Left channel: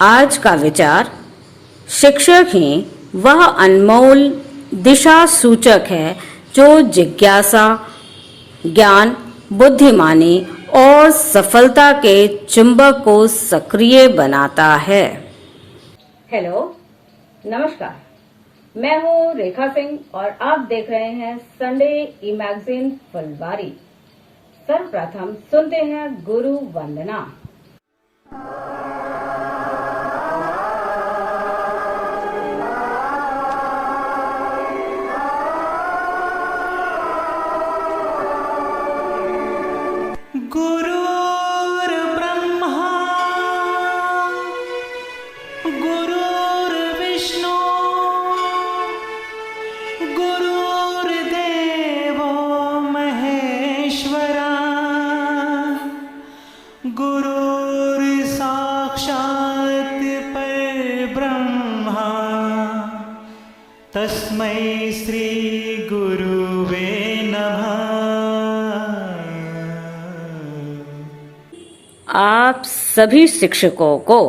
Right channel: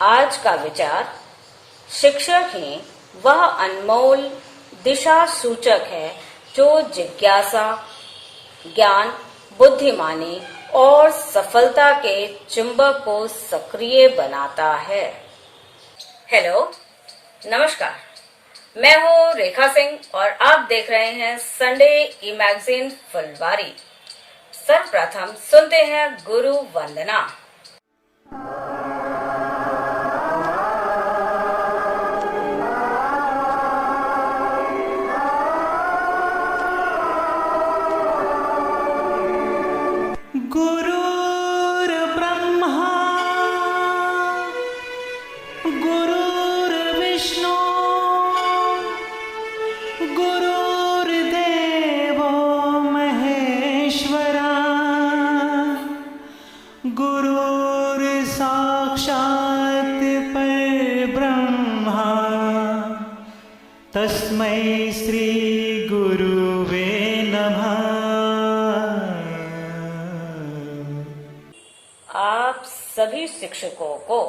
आज का विचार, शिक्षक ही वह अनमोल दिशा सूचक है जो जिज्ञासा, ज्ञान, बुद्धिमानी और सफलता के चुंबक को सक्रिय बनाता है। हेलो, नमस्कार, मैं हूँ रेखा सिंह और आप देख रहे हैं संडे ई मैगजीन फुलवारी। सर्वप्रथम सुनते हैं गुरु वंदना। गुरुर्ब्रह्मा गुरुर्विष्णु गुरुर्देवो महेश्वरा गुरुर्साक्षात् परब्रह्मा तस्मै श्री गुरुवे नमः। आप सभी शिक्षकों को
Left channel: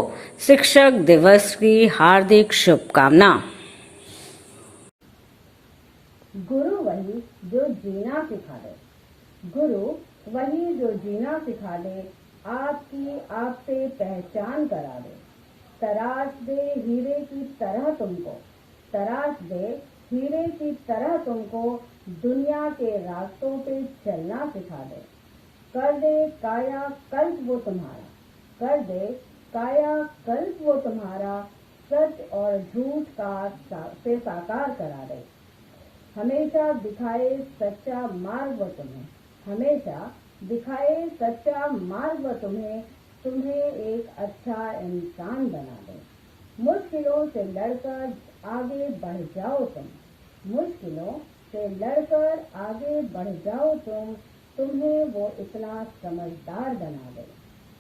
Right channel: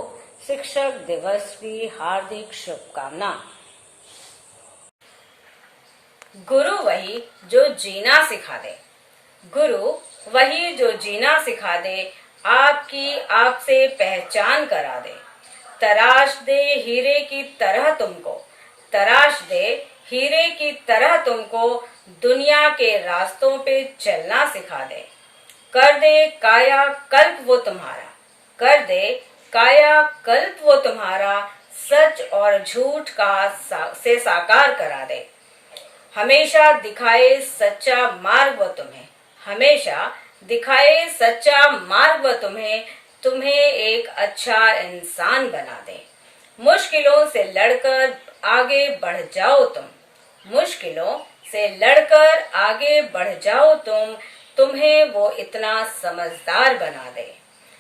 शिक्षक दिवस की हार्दिक शुभकामना। गुरु वही जो जीना सिखा दे। गुरु वही जो जीना सिखा दे, आपकी आपसे पहचान करा दे। तराश दे हीरे की तरह तुमको, तराश दे हीरे की तरह तुमको, दुनिया के रास्तों पे चलना सिखा दे। कर दे काया कल्प वो तुम्हारा, कर दे काया कल्प वो तुम्हारा, सच और झूठ का से साकार करा दे। हमेशा दिखाए सच्चा मार्ग वो तुम्हें, हमेशा दिखाए सच्चा मार्ग वो तुम्हें, तुम्हें एक अच्छा इंसान बना दे। मुश्किलों से लड़कर आगे बढ़ जाओ तुम, मुश्किलों से लड़कर आगे बढ़ जाओ तुम, तुम्हें वो इतना समझदार बना दे।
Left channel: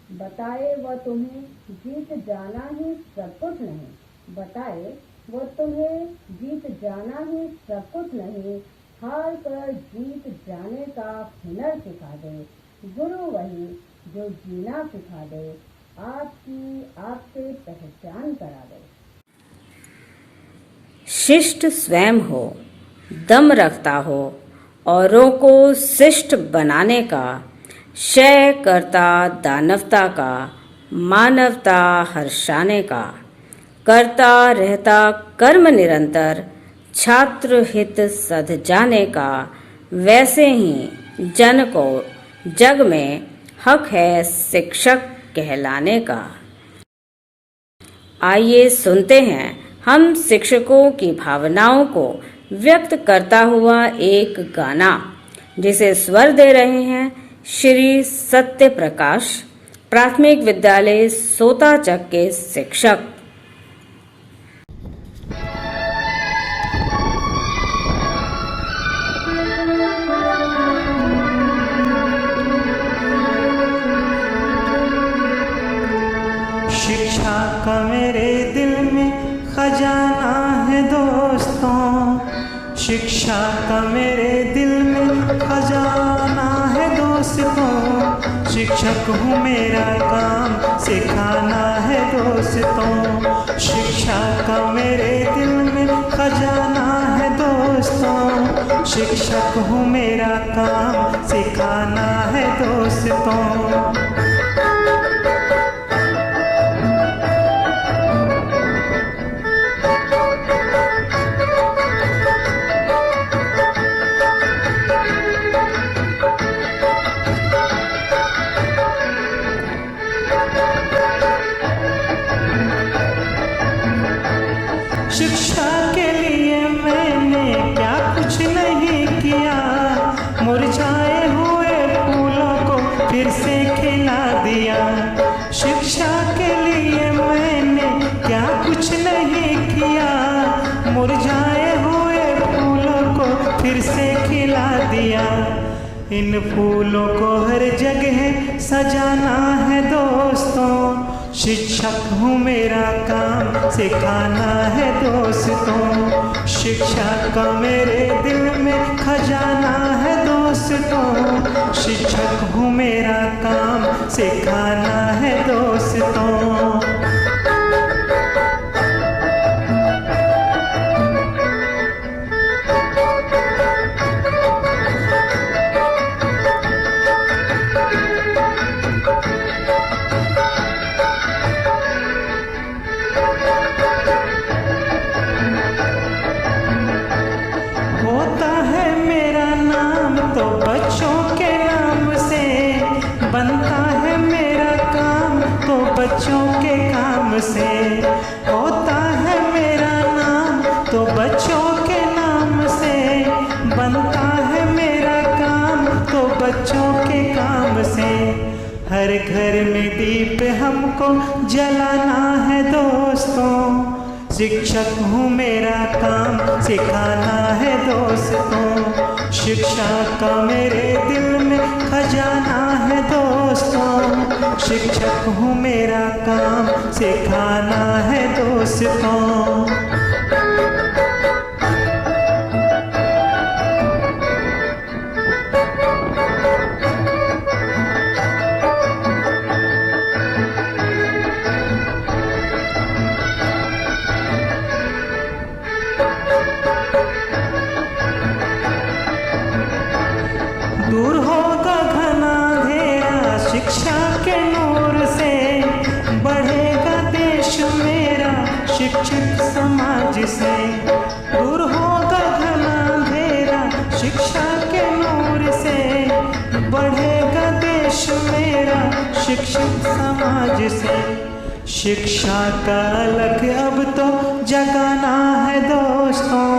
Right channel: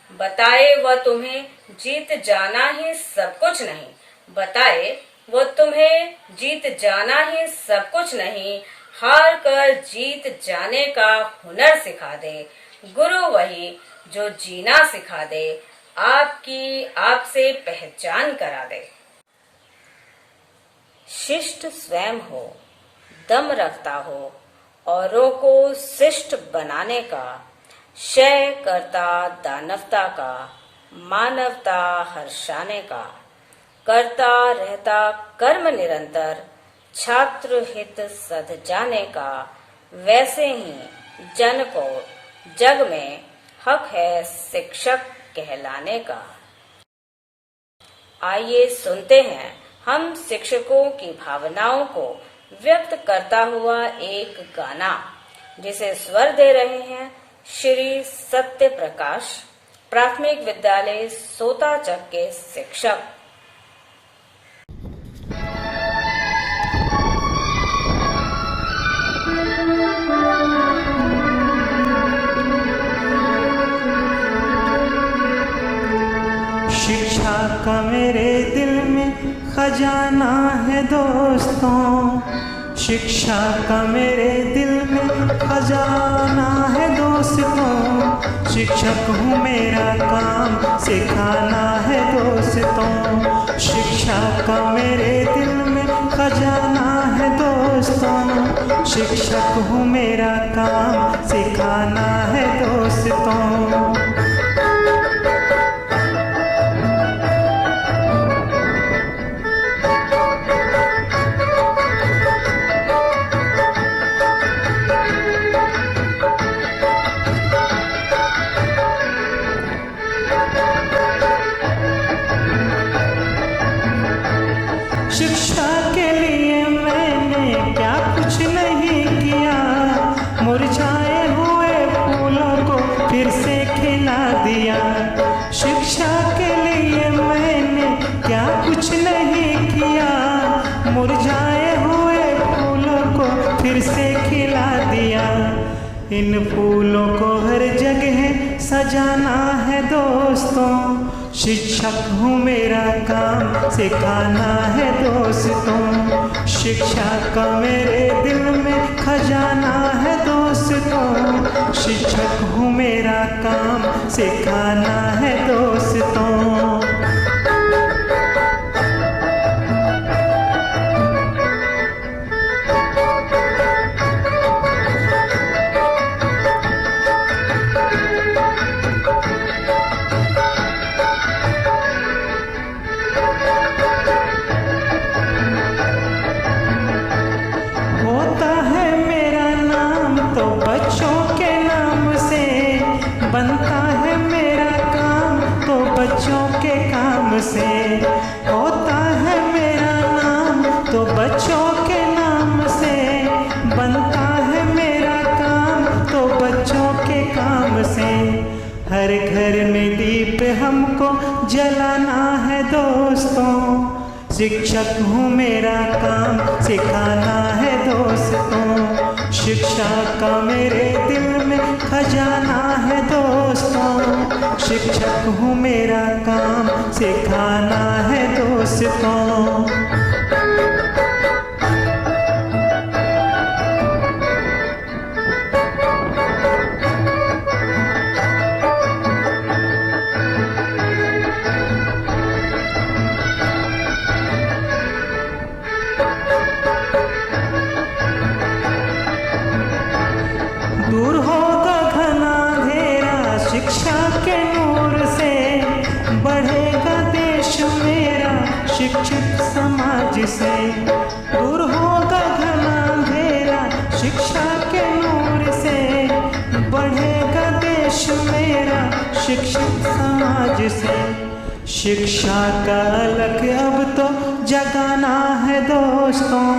बताए वह तुम्हें जीत जाना ही सब कुछ नहीं, बताए वो तुम्हें जीत जाना ही सब कुछ नहीं, हार कर जीत जाने का हुनर सिखा दे। गुरु वही जो जीना सिखा दे, आपकी आपसे पहचान करा दे। शिष्ट स्वयं हो, दम रखता हो, औरों को शिष्ट बनाने का, क्षय करता दानवता का, मानवता हर्षाने का, करता रहता कर्म निरंतर, छात्र हित सध जाने का, वैसे ही जन को जग में हक है शिक्षक कहलाने का। आइए सुनते हैं हम शिक्षकों की भावनाओं को व्यक्त करता हुआ एक गाना, जिसे स्वर दे रहे हैं श्री सत्य प्रकाश, प्राथमिक विद्यालय सोताचक के शिक्षक। शिक्षा का मेरे दिल में खजाना है दोस्तों, शिक्षा का मेरे दिल में खजाना है दोस्तों, शिक्षक हूँ मेरा काम सिखाना है दोस्तों, शिक्षा का मेरे दिल में खजाना है दोस्तों, शिक्षक हूँ मेरा काम सिखाना है दोस्तों। शिक्षा के लिए मैंने क्या कुछ नहीं किया, मुरझाए हुए फूलों को फिर से खिला दिया। शिक्षा के लिए मैंने क्या कुछ नहीं किया, मुरझाए हुए फूलों को फिर से खिला दिया। इन फूलों को हर जगह सजाना है दोस्तों, शिक्षक हूँ मेरा काम सिखाना है दोस्तों, शिक्षा का मेरे दिल में खजाना है दोस्तों, शिक्षक हूँ मेरा काम सिखाना है दोस्तों। बच्चों के काम से। होता है मेरा नाम तो बच्चों के नाम से, बनता है मेरा काम तो बच्चों के काम से। हर घर में दीप हमको जलाना है दोस्तों, शिक्षक हूँ मेरा काम सिखाना है दोस्तों। शिक्षा का मेरे दिल में खजाना है दोस्तों, शिक्षक हूँ मेरा काम सिखाना है दोस्तों। दूर होगा घना अंधेरा शिक्षा के नूर से, बढ़ेगा देश मेरा शिक्षित समाज से। दूर होगा घना अंधेरा शिक्षा के नूर से, बढ़ेगा देश मेरा शिक्षित समाज से। शिक्षा का अलग अब तो जगाना है दोस्तों,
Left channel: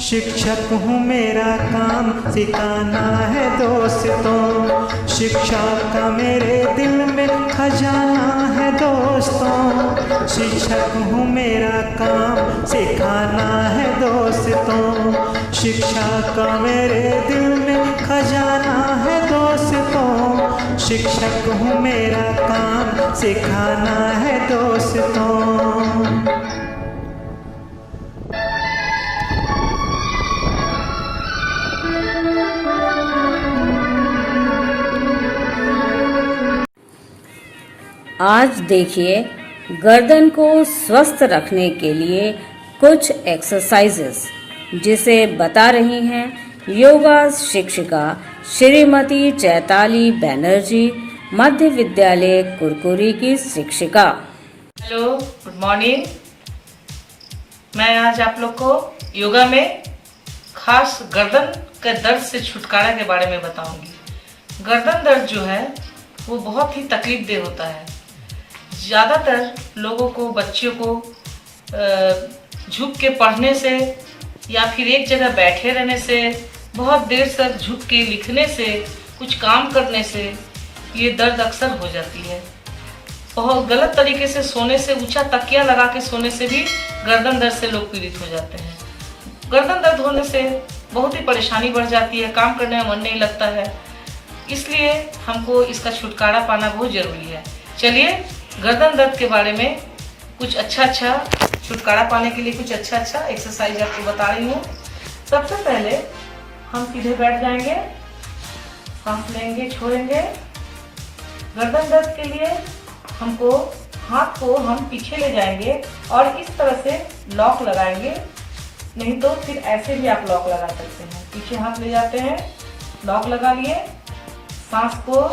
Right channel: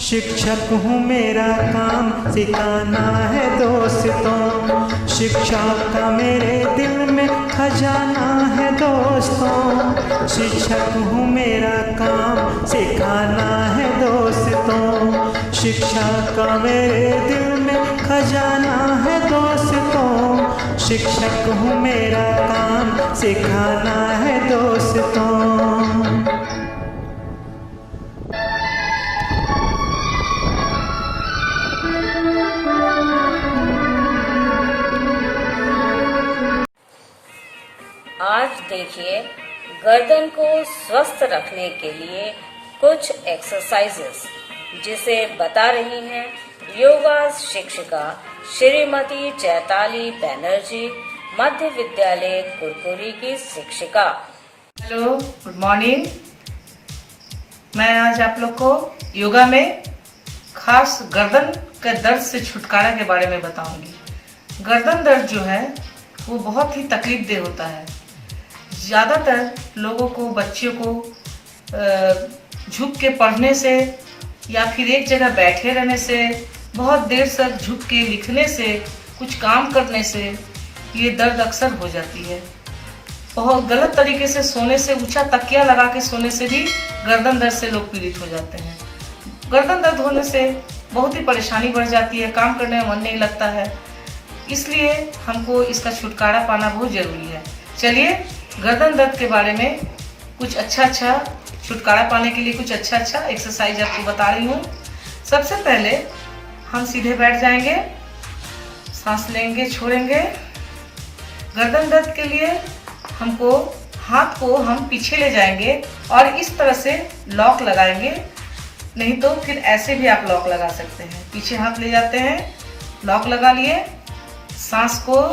शिक्षक हूँ मेरा काम सिखाना है दोस्तों। शिक्षा का मेरे दिल में खजाना है दोस्तों, शिक्षक हूँ मेरा काम सिखाना है दोस्तों। शिक्षा का मेरे दिल में खजाना है दोस्तों, शिक्षक हूँ मेरा काम सिखाना है दोस्तों। आज देखिए गर्दन को स्वस्थ रखने के लिए कुछ एक्सरसाइजेस जिसे बता रही हैं योगा शिक्षिका श्रीमती चैताली बनर्जी, मध्य विद्यालय कुरकुरी की शिक्षिका। Hello, good morning. मैं आज आप लोग को योगा में खास गर्दन के दर्द से छुटकारा के बारे में बताऊंगी। गर्दन दर्द जो है वो बहुत ही तकलीफदेह होता है। ज़्यादातर लोगों को, बच्चों को झुक के पढ़ने से या फिर एक जगह बैठे रहने से, बहुत देर तक झुक के लिखने से, कुछ काम करने से ये दर्द अक्सर हो जाती है। बहुत गलत तरीके से सोने से, ऊंचा तकिया लगा के सोने से भी गर्दन दर्द से लोग पीड़ित हो जाते हैं। गर्दन दर्द होने से बहुत ही परेशानी बढ़ जाती है, काम करने में मन नहीं लगता है, इसलिए हमको इसका छुटकारा पाना बहुत ज़रूरी है। चलिए गर्दन दर्द के बारे में कुछ अच्छा छुटकारा पाने के लिए कुछ अच्छा एक्सरसाइज आपको बता रही हूँ। सबसे पहले हम सीधे बैठ जाएंगे, सांस लेंगे, छोड़ेंगे। गर्दन दर्द के लिए हमको हाथ को हम पीछे ले जाएंगे और इस तरह से लॉक लगाएंगे, नहीं तो फिर ऐसे भी आप लॉक लगा सकते हैं। पीछे हाथ ले जाते हैं, लॉक लगा लिए, सांस को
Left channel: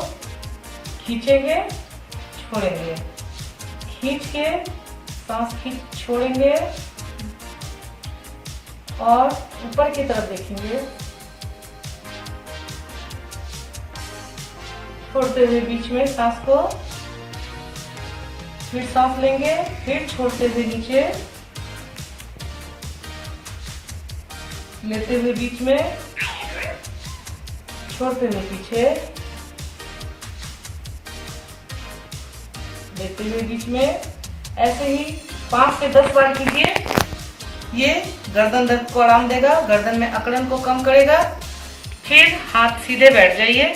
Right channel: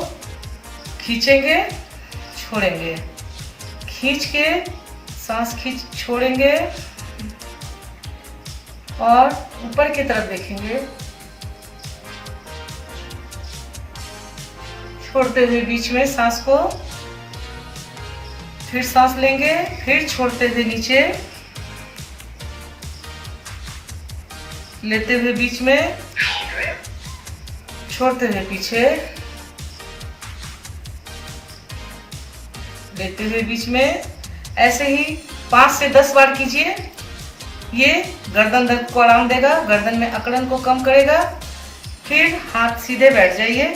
खींचेंगे, छोड़ेंगे, खींच के सांस खींच छोड़ेंगे और ऊपर की तरफ देखेंगे, छोड़ते हुए बीच में सांस को, फिर सांस लेंगे, फिर छोड़ते हुए नीचे, लेते हुए बीच में, छोड़ते हुए पीछे, लेते हुए बीच में। ऐसे ही 5 से 10 बार कीजिए। ये गर्दन दर्द को आराम देगा, गर्दन में अकड़न को कम करेगा। फिर हाथ सीधे बैठ जाइए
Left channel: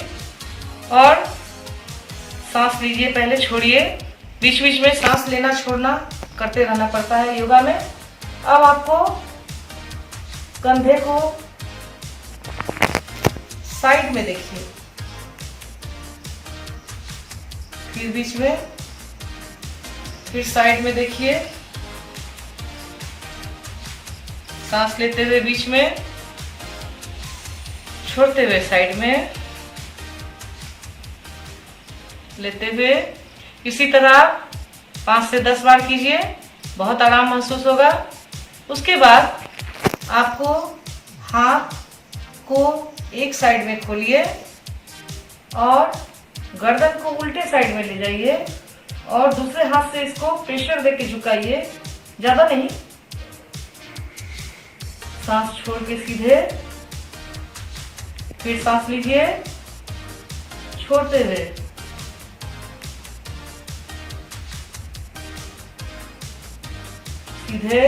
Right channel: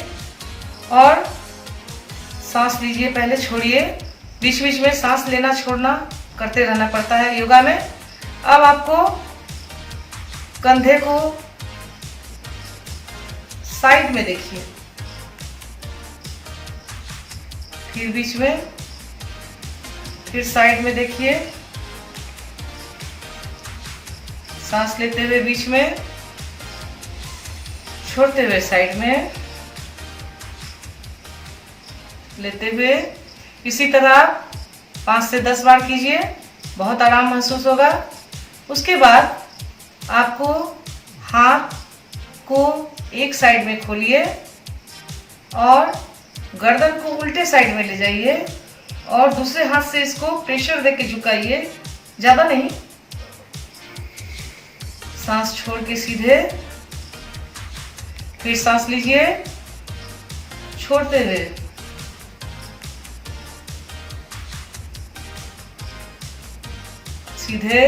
और सांस लीजिए, पहले छोड़िए। बीच बीच में सांस लेना छोड़ना करते रहना पड़ता है योगा में। अब आपको कंधे को साइड में देखिए, फिर बीच में, फिर साइड में देखिए। सांस लेते हुए बीच में, छोड़ते हुए साइड में, लेते हुए। इसी तरह 5 से 10 बार कीजिए, बहुत आराम महसूस होगा। उसके बाद आपको हाथ को एक साइड में खोलिए और गर्दन को उल्टे साइड में ले जाइए और दूसरे हाथ से इसको प्रेशर देके झुकाइए, ज्यादा नहीं। सांस छोड़ के सीधे, फिर सांस लीजिए छोड़ते हुए। सीधे,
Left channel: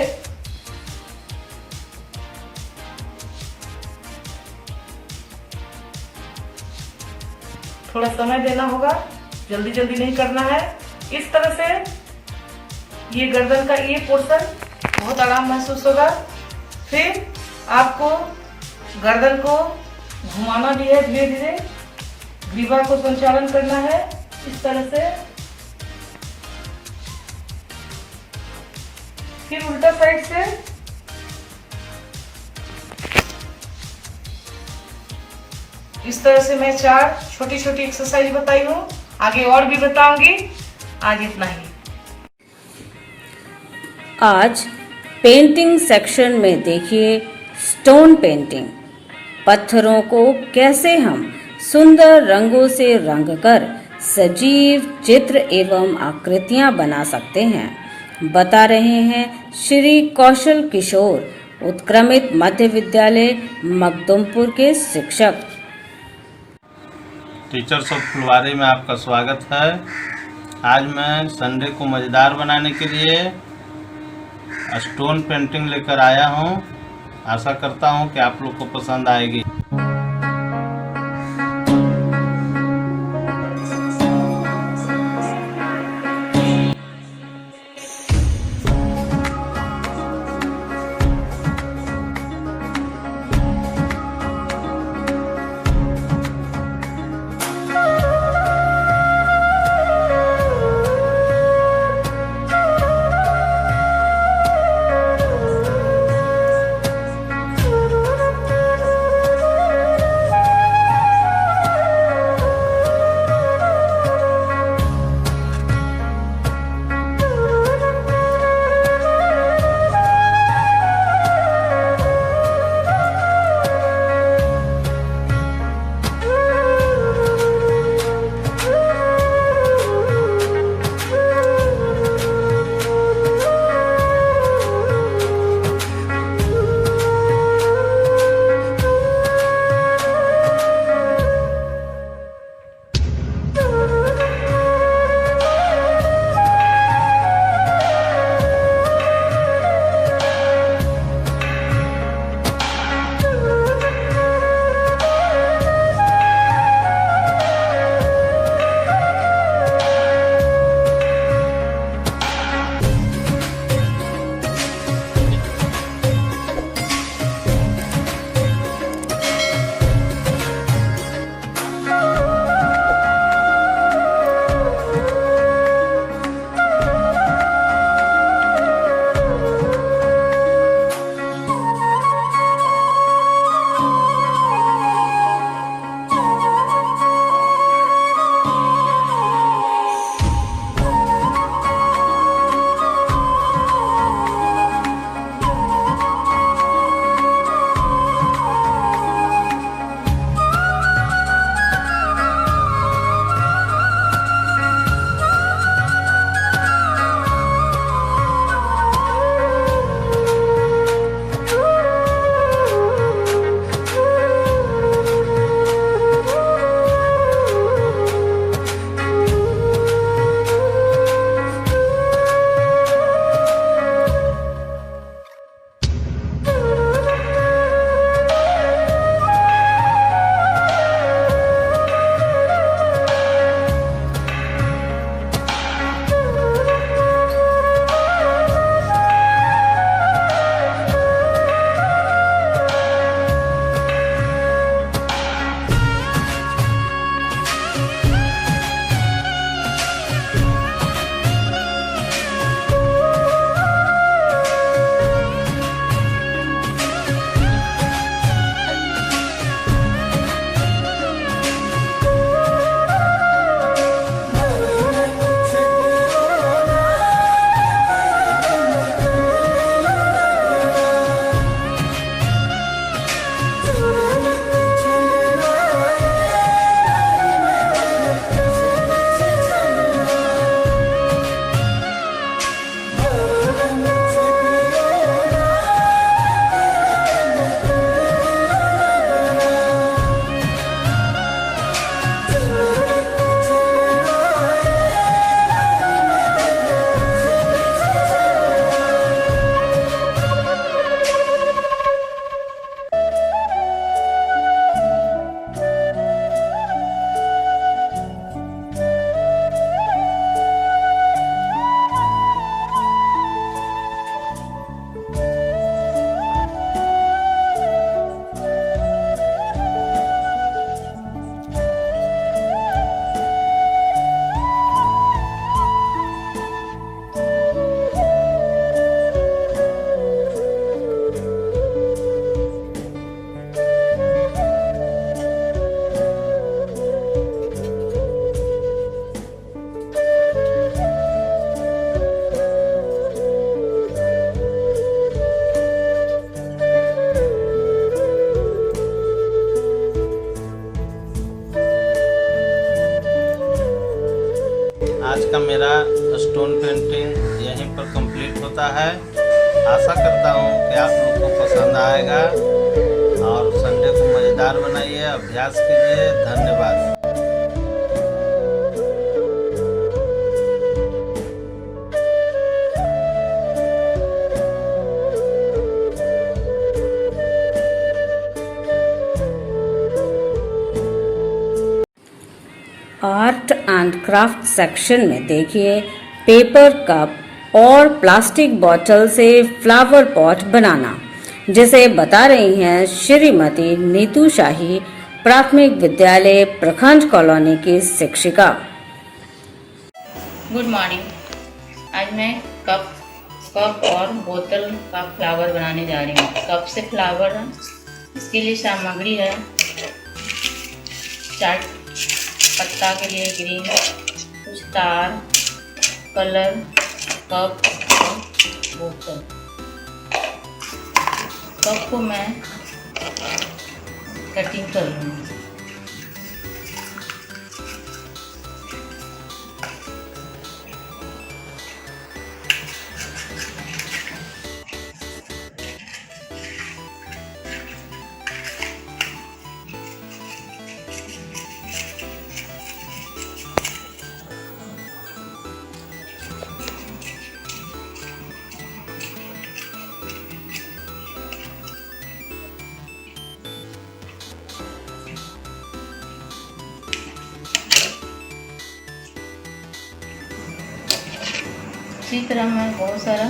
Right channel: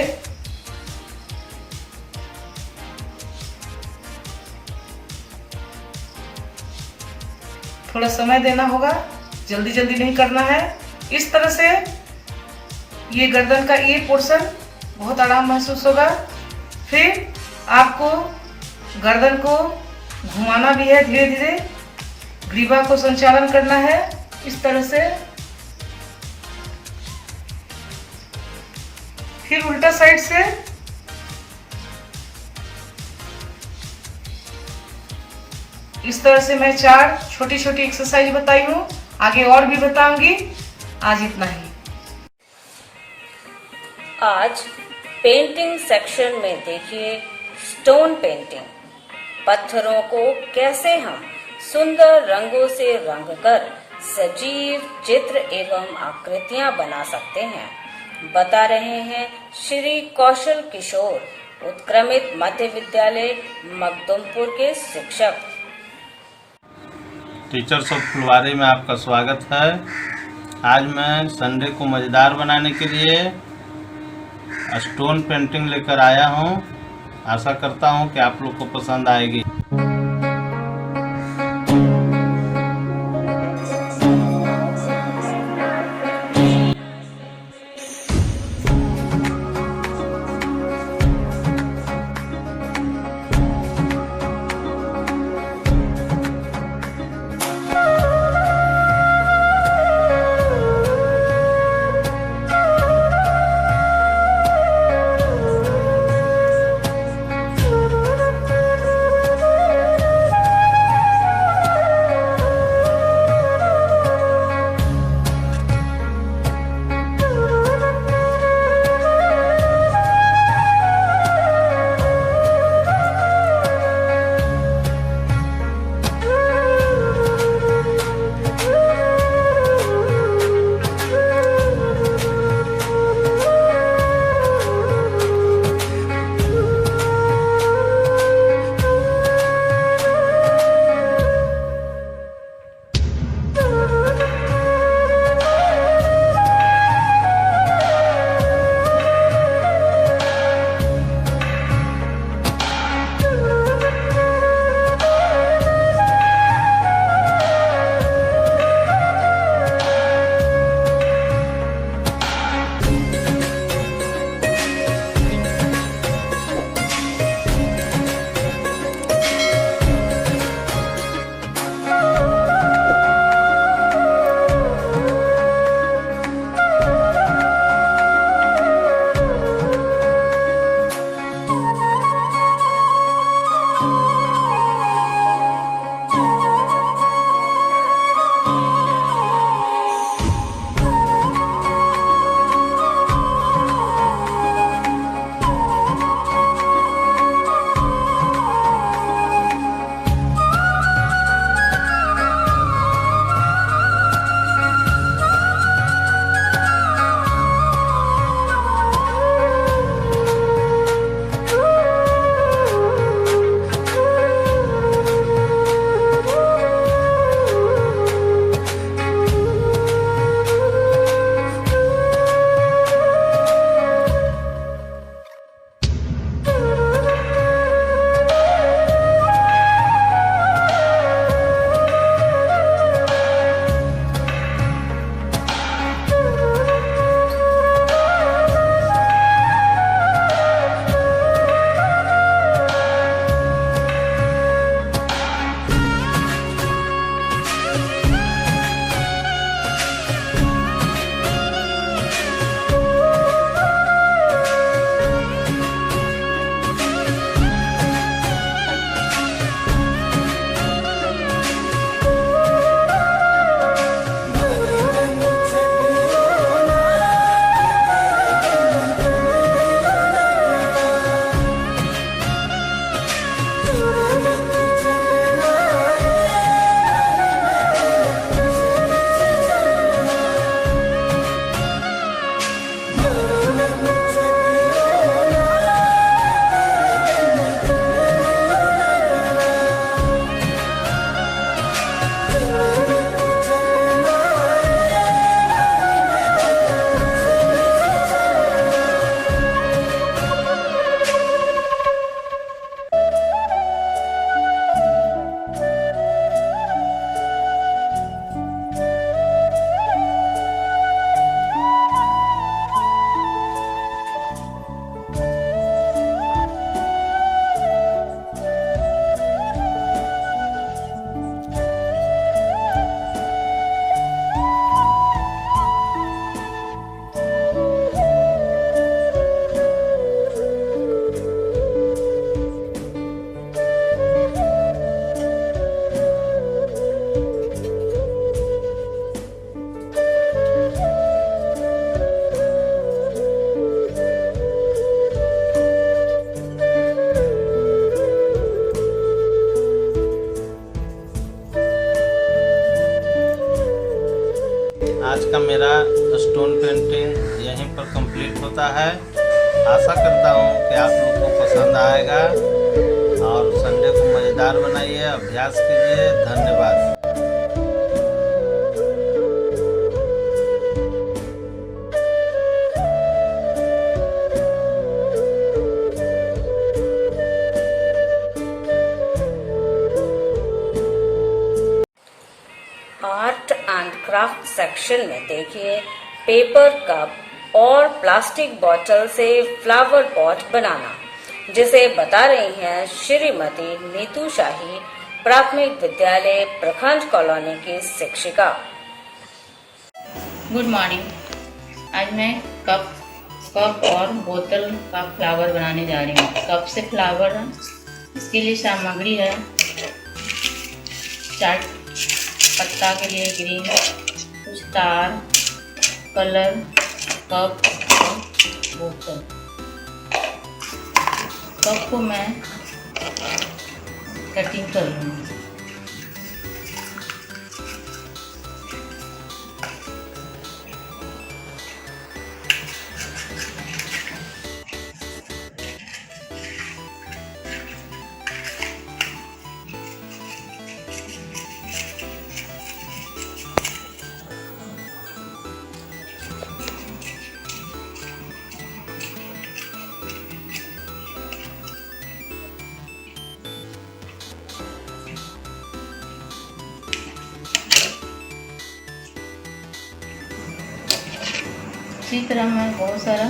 थोड़ा समय देना होगा, जल्दी जल्दी नहीं करना है। इस तरह से ये गर्दन का ये पोर्शन बहुत आराम महसूस होगा। फिर आपको गर्दन को घुमाना भी है, धीरे धीरे ग्रीवा को संचालन करना है इस तरह से। फिर उल्टा साइड से, इस तरह से मैं 4 छोटी छोटी एक्सरसाइज बताई हूँ, आगे और भी बताऊंगी। आज इतना ही। आज पेंटिंग सेक्शन में देखिए स्टोन पेंटिंग। पत्थरों को कैसे हम सुंदर रंगों से रंगकर सजीव चित्र एवं आकृतियां बना सकते हैं, बता रहे हैं श्री कौशल किशोर, उत्क्रमित मध्य विद्यालय मखदुमपुर के शिक्षक। टीचर्स ऑफ फुलवारी में आपका स्वागत है। आज मैं संडे को मज़ेदार बनाने के लिए स्टोन पेंटिंग लेकर आया हूँ। आशा करता हूँ कि आप लोग को पसंद आएगी। पर कंप्लीट होता है। आशा करता हूँ कि आप लोग को पसंद आएगा और संडे को मज़ेदार बनाइए, अभ्यास कीजिए। धन्यवाद। आर्ट एंड क्राफ्ट सेक्शन में देखिए पेपर कप और प्लास्टिक बॉटल से फ्लावर पॉट बनाना, जिसे बता रही हैं श्रीमती नीतू शाही, प्राथमिक विद्यालय प्रखंड कॉलोनी की शिक्षिका। Good morning. आज मैं कप और बोतल का फ्लावर बनाने जा रही हूँ। कप से फ्लावर, इसके लिए सामग्री है चार्ट पत्ता के लिए ग्रीन, कुछ तार, कलर, कप और बोतल। कप को मैं कटिंग कर लूँगी। इसी तरह मैं बहुत सारा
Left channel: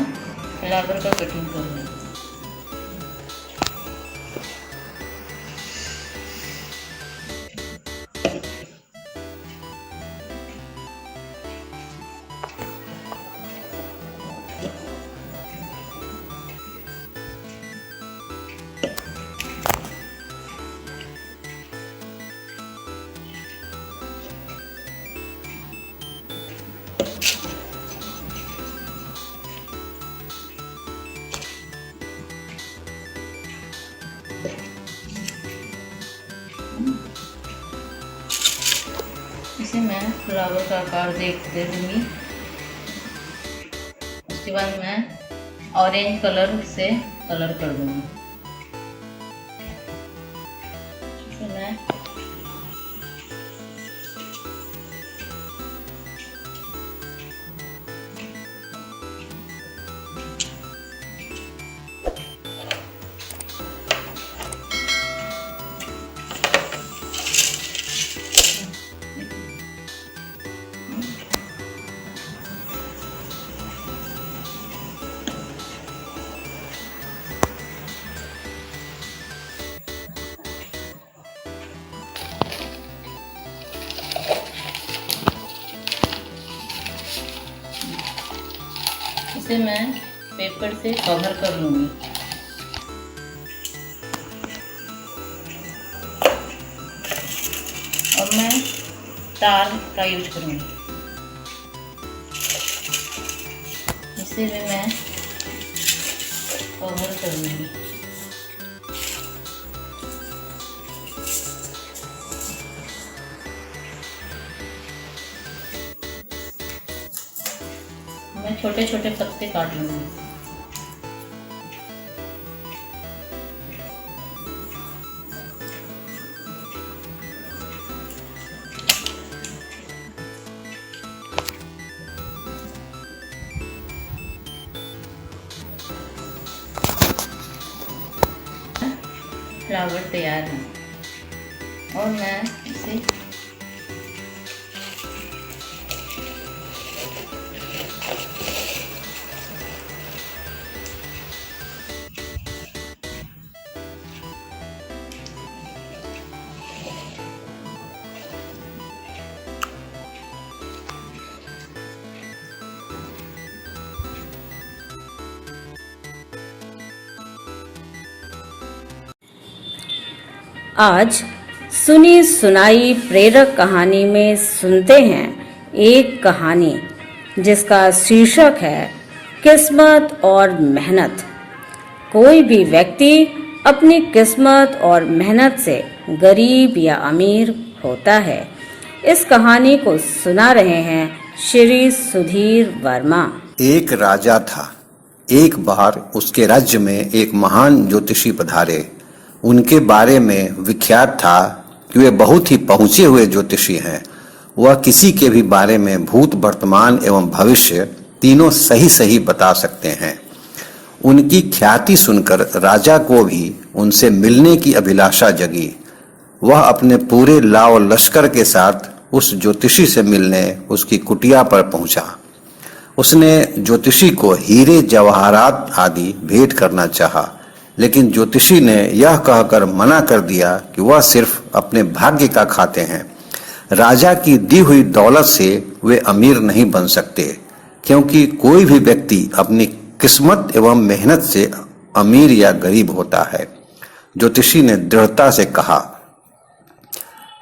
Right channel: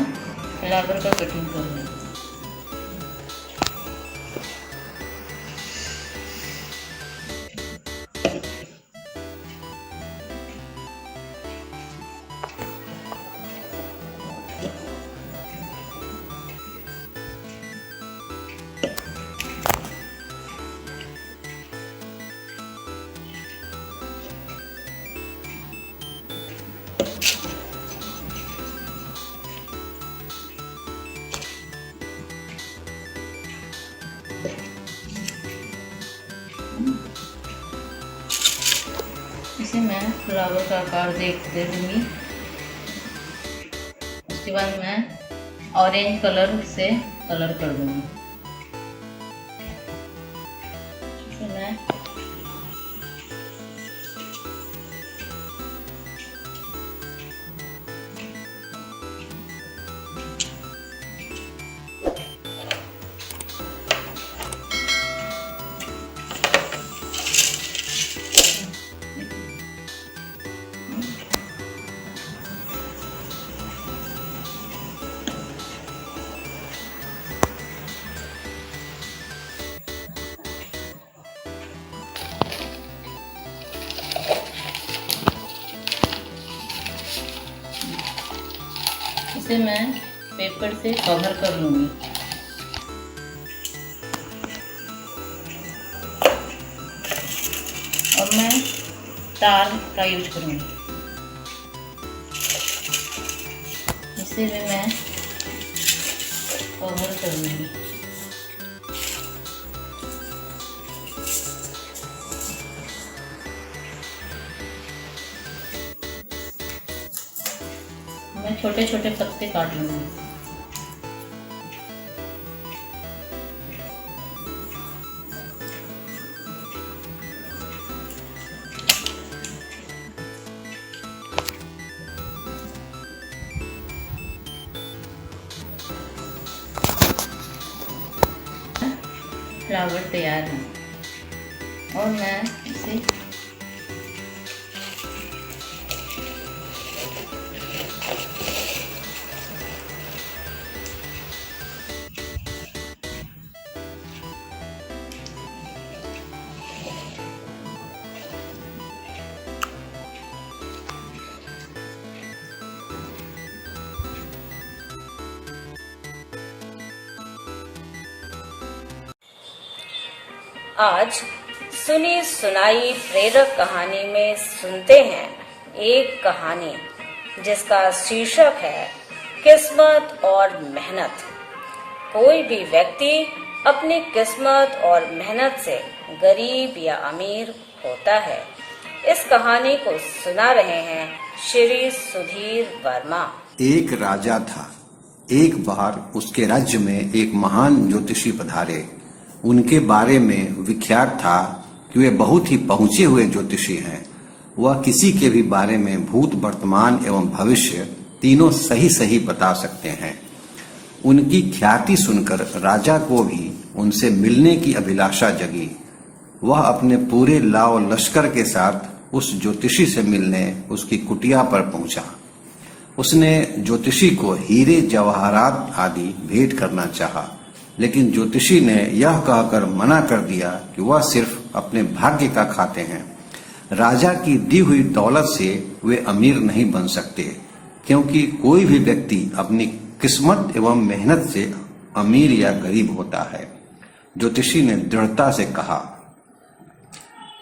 फ्लावर का कटिंग कर रही हूँ। इसे मैं फ्लावर का आकार दे दूँगी। उसके बाद मैं ऑरेंज कलर से कलर कर दूँगी। इसे मैं इसे मैं पेपर से कवर कर लूँगी। और मैं तार का यूज करूँगी। इसे भी मैं कवर कर लूँगी। मैं छोटे छोटे पत्ते काट लूँगी। फ्लावर तैयार है और मैं इसे आज सुनी सुनाई प्रेरक कहानी में सुनते हैं एक कहानी जिसका शीर्षक है किस्मत और मेहनत। कोई भी व्यक्ति अपनी किस्मत और मेहनत से गरीब या अमीर होता है। इस कहानी को सुना रहे हैं श्री सुधीर वर्मा। एक राजा था। एक बार उसके राज्य में एक महान ज्योतिषी पधारे। उनके बारे में विख्यात था कि वे बहुत ही पहुंचे हुए ज्योतिषी हैं। वह किसी के भी बारे में भूत, वर्तमान एवं भविष्य तीनों सही सही बता सकते हैं। उनकी ख्याति सुनकर राजा को भी उनसे मिलने की अभिलाषा जगी। वह अपने पूरे लाव लश्कर के साथ उस ज्योतिषी से मिलने उसकी कुटिया पर पहुंचा। उसने ज्योतिषी को हीरे जवाहरात आदि भेंट करना चाहा, लेकिन ज्योतिषी ने यह कहकर मना कर दिया कि वह सिर्फ अपने भाग्य का खाते हैं। राजा की दी हुई दौलत से वे अमीर नहीं बन सकते, क्योंकि कोई भी व्यक्ति अपनी किस्मत एवं मेहनत से अमीर या गरीब होता है। ज्योतिषी ने दृढ़ता से कहा।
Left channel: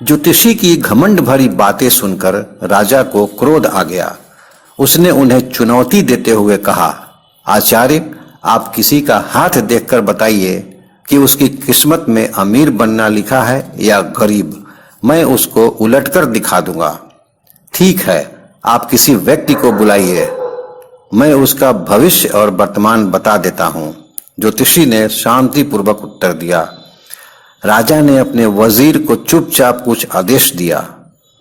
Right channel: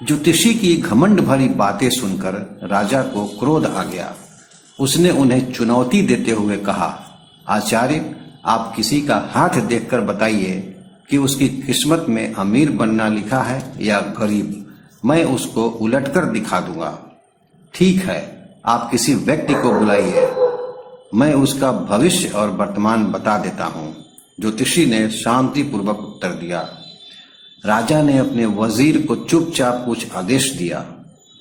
ज्योतिषी की घमंड भरी बातें सुनकर राजा को क्रोध आ गया। उसने उन्हें चुनौती देते हुए कहा, आचार्य, आप किसी का हाथ देखकर बताइए कि उसकी किस्मत में अमीर बनना लिखा है या गरीब। मैं उसको उलटकर दिखा दूंगा। ठीक है, आप किसी व्यक्ति को बुलाइए, मैं उसका भविष्य और वर्तमान बता देता हूं। ज्योतिषी ने शांतिपूर्वक उत्तर दिया। राजा ने अपने वजीर को चुपचाप कुछ आदेश दिया।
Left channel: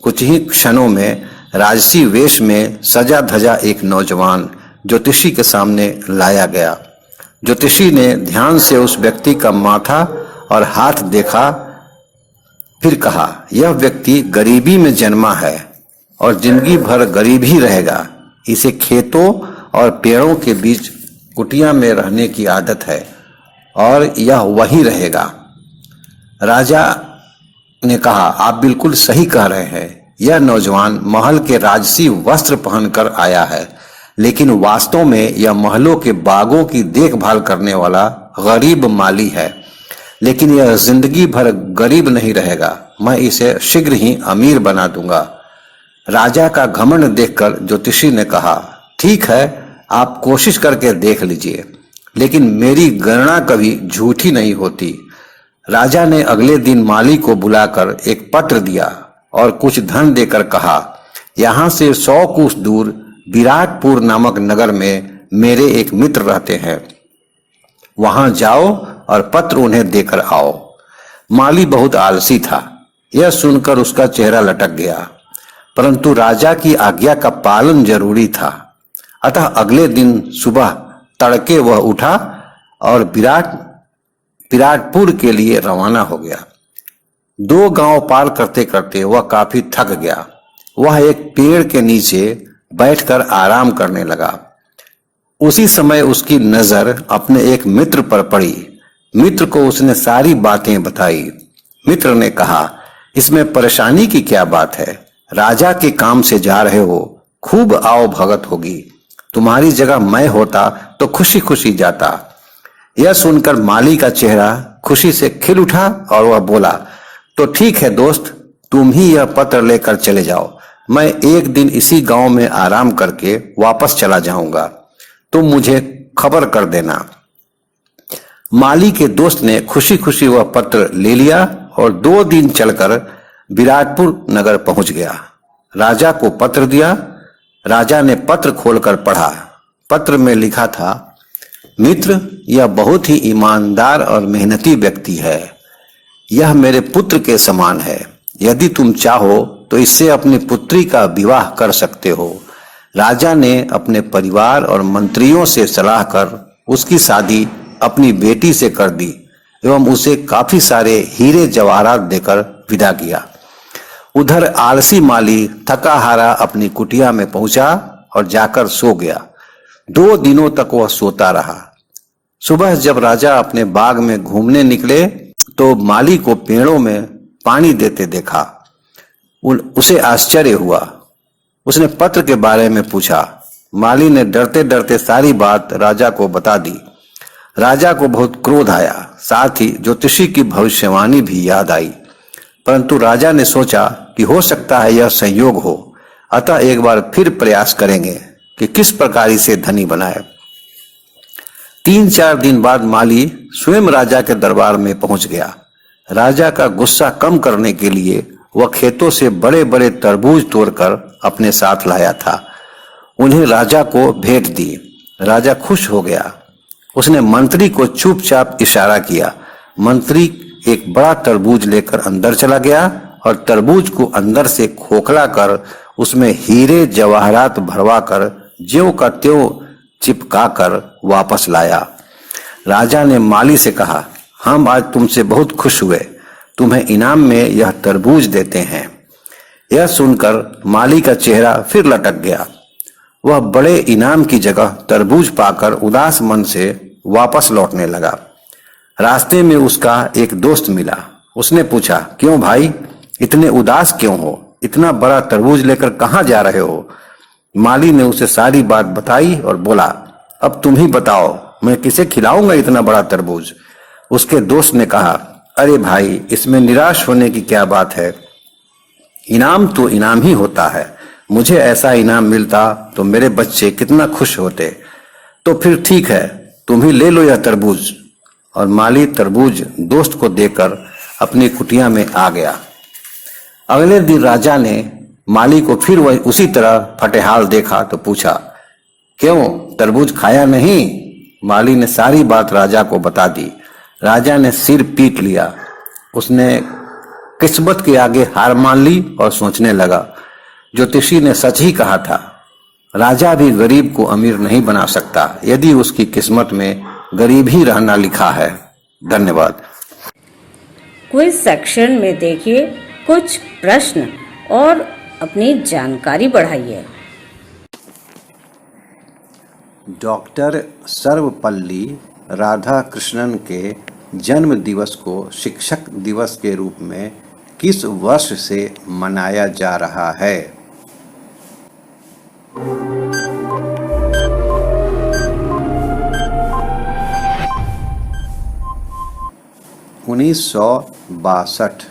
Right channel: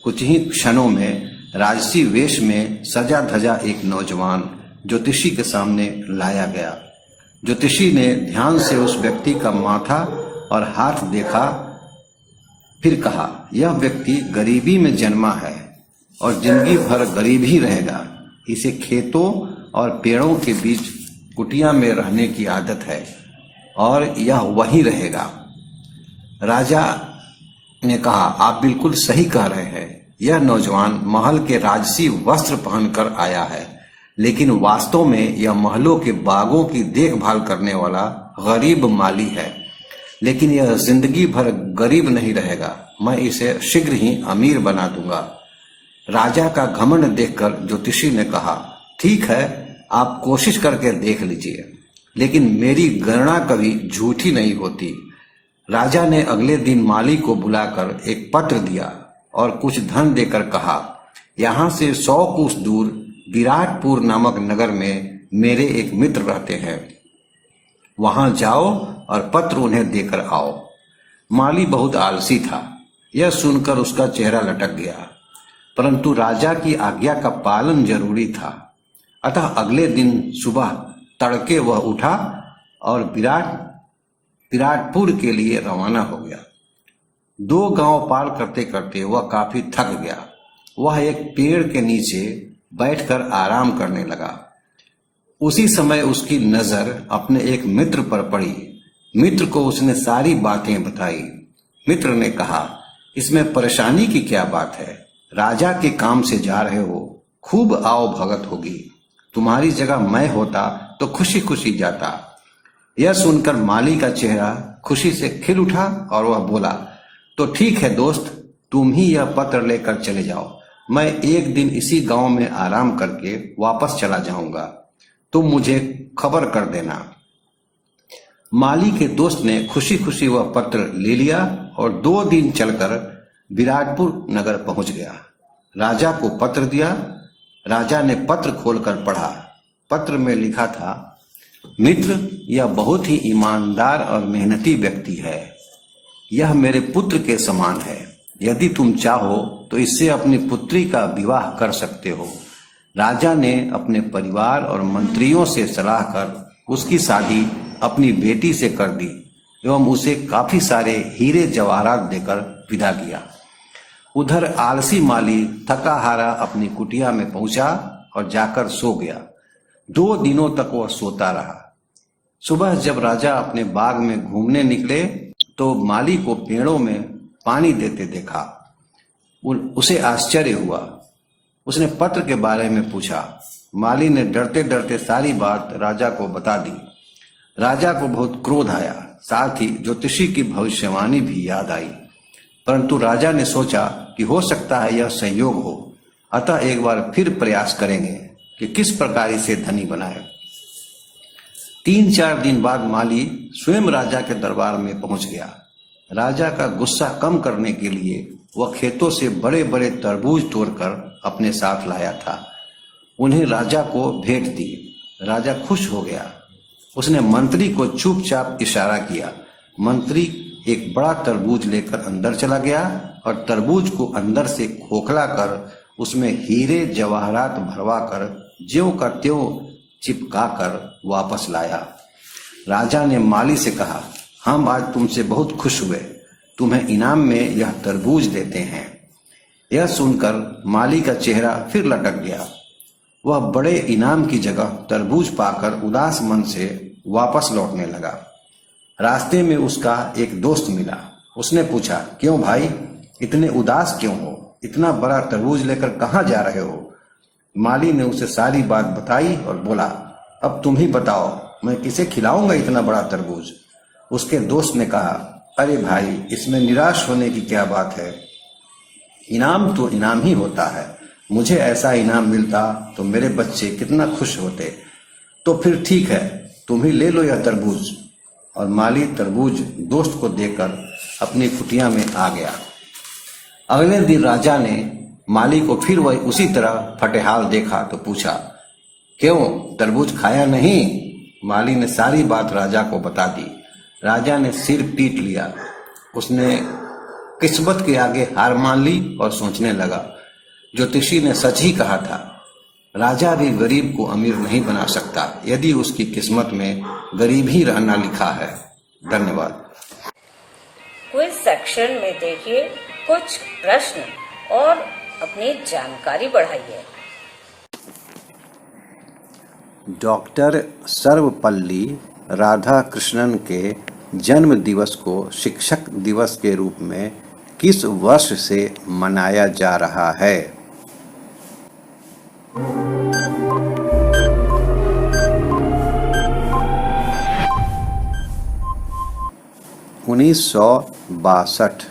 कुछ ही क्षणों में राजसी वेश में सजा धजा एक नौजवान ज्योतिषी के सामने लाया गया। ज्योतिषी ने ध्यान से उस व्यक्ति का माथा और हाथ देखा, फिर कहा, यह व्यक्ति गरीबी में जन्मा है और जिंदगी भर गरीब ही रहेगा। इसे खेतों और पेड़ों के बीच कुटिया में रहने की आदत है और यह वही रहेगा। राजा ने कहा, आप बिल्कुल सही कह रहे हैं। यह नौजवान महल के राजसी वस्त्र पहनकर आया है, लेकिन वास्तव में यह महलों के बागों की देखभाल करने वाला गरीब माली है। लेकिन यह जिंदगी भर गरीब नहीं रहेगा। मैं इसे शीघ्र ही अमीर बना दूंगा। राजा का घमंड देखकर ज्योतिषी ने कहा, ठीक है, आप कोशिश करके देख लीजिए, लेकिन मेरी गणना कभी झूठी नहीं होती। राजा ने अगले दिन माली को बुलाकर एक पत्र दिया और कुछ धन देकर कहा, यहाँ से 100 कोस दूर विराटपुर नामक नगर में मेरे एक मित्र रहते हैं, वहां जाओ और पत्र उन्हें देकर आओ। माली बहुत आलसी था। यह सुनकर उसका चेहरा लटक गया, परंतु राजा की आज्ञा का पालन जरूरी था। अतः अगले दिन सुबह तड़के वह उठा और विराटपुर के लिए रवाना हो गया। 2 गांव पार करते करते वह काफी थक गया। वह एक पेड़ के नीचे बैठकर आराम करने लगा। उसी समय उसकी नजर अपने एक मित्र पर पड़ी। मित्र को उसने सारी बातें बताई। मित्र ने कहा, इसमें परेशानी की क्या बात है? राजा के काम से जा रहे हो, खूब आओ भगत होगी। तुम्हारी जगह मैं होता तो खुशी खुशी जाता। यह सुनकर माली का चेहरा खुशी से खिल उठा और वह बोला, तो ठीक है दोस्त, तुम ही यह पत्र लेकर चले जाओ। मैं एक दिन इसी गांव में आराम करके वापस चला जाऊंगा। तुम मुझे खबर कर देना। माली के दोस्त ने खुशी खुशी वह पत्र ले लिया और 2 दिन चलकर विराटपुर नगर पहुंच गया। राजा को पत्र दिया। राजा ने पत्र खोलकर पढ़ा। पत्र में लिखा था, मित्र, यह बहुत ही ईमानदार और मेहनती व्यक्ति है। यह मेरे पुत्र के समान है। यदि तुम चाहो तो इससे अपनी पुत्री का विवाह कर सकते हो। राजा ने अपने परिवार और मंत्रियों से सलाह कर उसकी शादी अपनी बेटी से कर दी एवं उसे काफी सारे हीरे जवाहरात देकर विदा किया। उधर आलसी माली थका हारा अपनी कुटिया में पहुंचा और जाकर सो गया। 2 दिनों तक वह सोता रहा। सुबह जब राजा अपने बाग में घूमने निकले तो माली को पेड़ों में पानी देते देखा। उसे आश्चर्य हुआ। उसने पत्र के बारे में पूछा। माली ने डरते डरते सारी बात राजा को बता दी। राजा को बहुत क्रोध आया, साथ ही ज्योतिषी की भविष्यवाणी भी याद आई। परंतु राजा ने सोचा कि हो सकता है यह संयोग हो, अतः एक बार फिर प्रयास करेंगे कि किस प्रकार इसे धनी बनाए। 3-4 दिन बाद माली स्वयं राजा के दरबार में पहुंच गया। राजा का गुस्सा कम करने के लिए वह खेतों से बड़े बड़े तरबूज तोड़कर अपने साथ लाया था। उन्हें राजा को भेंट दी। राजा खुश हो गया। उसने मंत्री को चुपचाप इशारा किया। मंत्री एक बड़ा तरबूज लेकर अंदर चला गया और तरबूज को अंदर से खोखला कर उसमें हीरे जवाहरात भरवा कर ज्यों का त्यों चिपका कर वापस लाया। राजा ने माली से कहा, हम आज तुमसे बहुत खुश हुए, तुम्हें इनाम में यह तरबूज देते हैं। यह सुनकर माली का चेहरा फिर लटक गया। वह बड़े इनाम की जगह तरबूज पाकर उदास मन से वापस लौटने लगा। रास्ते में उसका एक दोस्त मिला। उसने पूछा, क्यों भाई, इतने उदास क्यों हो? इतना बड़ा तरबूज लेकर कहाँ जा रहे हो? माली ने उसे सारी बात बताई और बोला, अब तुम ही बताओ, मैं किसे खिलाऊंगा इतना बड़ा तरबूज? उसके दोस्त ने कहा, अरे भाई, इसमें निराश होने की क्या बात है? इनाम तो इनाम ही होता है। मुझे ऐसा इनाम मिलता तो मेरे बच्चे कितना खुश होते। तो फिर ठीक है, तुम ही ले लो यह तरबूज। और माली तरबूज दोस्त को देकर अपनी कुटिया में आ गया। अगले दिन राजा ने माली को फिर वही उसी तरह फटेहाल देखा तो पूछा, क्यों, तरबूज खाया नहीं? माली ने सारी बात राजा को बता दी। राजा ने सिर पीट लिया। उसने किस्मत के आगे हार मान ली और सोचने लगा, ज्योतिषी ने सच ही कहा था, राजा भी गरीब को अमीर नहीं बना सकता यदि उसकी किस्मत में गरीब ही रहना लिखा है। धन्यवाद। क्विज सेक्शन में देखिए कुछ प्रश्न और अपनी जानकारी बढ़ाइए। डॉक्टर सर्वपल्ली राधाकृष्णन के जन्म दिवस को शिक्षक दिवस के रूप में किस वर्ष से मनाया जा रहा है? उन्नीस सौ 62।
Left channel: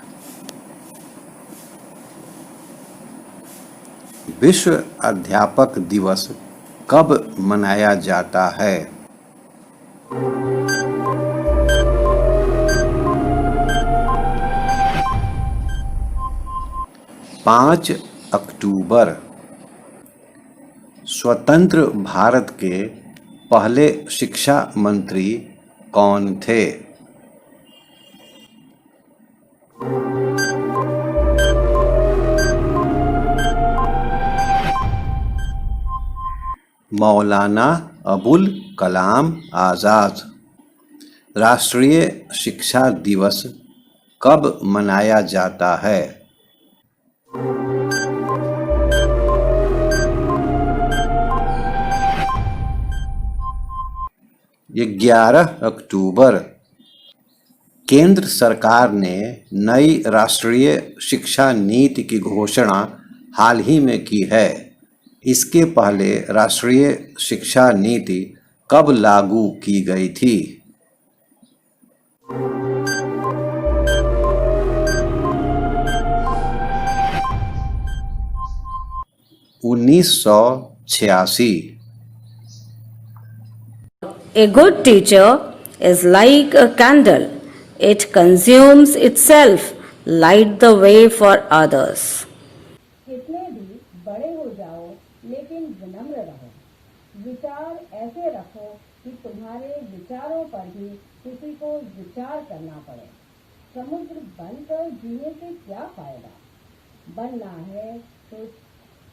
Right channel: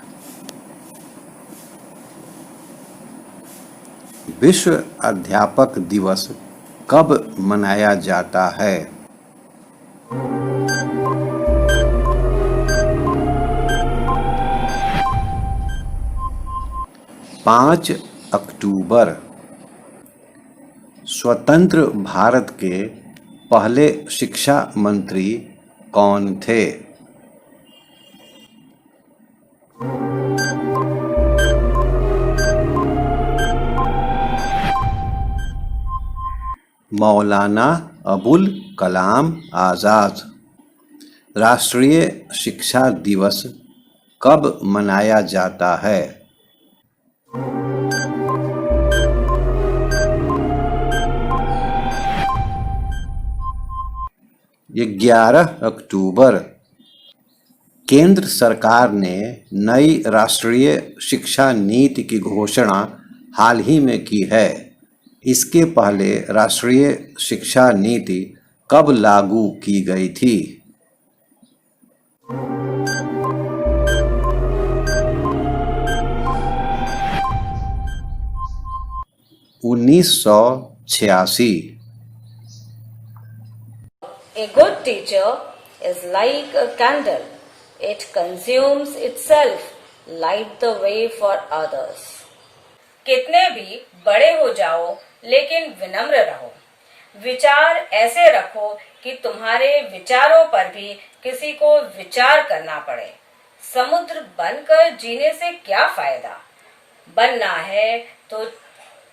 विश्व अध्यापक दिवस कब मनाया जाता है? 5 अक्टूबर। स्वतंत्र भारत के पहले शिक्षा मंत्री कौन थे? मौलाना अबुल कलाम आज़ाद। राष्ट्रीय शिक्षा दिवस कब मनाया जाता है? 11 अक्टूबर। केंद्र सरकार ने नई राष्ट्रीय शिक्षा नीति की घोषणा हाल ही में की है। इसके पहले राष्ट्रीय शिक्षा नीति कब लागू की गई थी? 1986। A good teacher is like a candle. It consumes itself, light the way for others. कितने भी बड़े हो जाओ लेकिन विनम्र रहो। विचार ऐसे रखो कि तुम्हारे विचारों पर भी किसी को विचार करना पड़े। समुद्र बनकर जीने से क्या फायदा? बनना है तो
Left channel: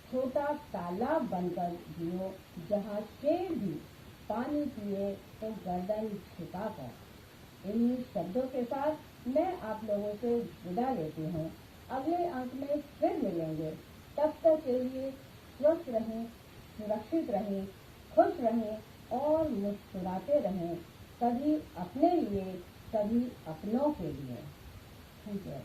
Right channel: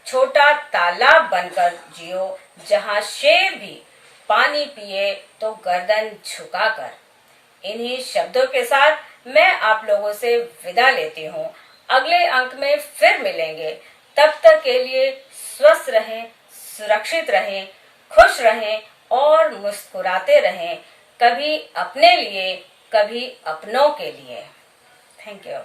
छोटा तालाब बनकर जियो, जहाँ शेर भी पानी पिए तो गर्दन झुकाकर। इन्हीं शब्दों के साथ मैं आप लोगों से विदा लेती हूँ। अगले अंक में फिर मिलेंगे। तब तक के लिए स्वस्थ रहें, सुरक्षित रहें, खुश रहें और मुस्कुराते रहें। कभी अपने लिए, कभी अपनों के लिए। Thank you.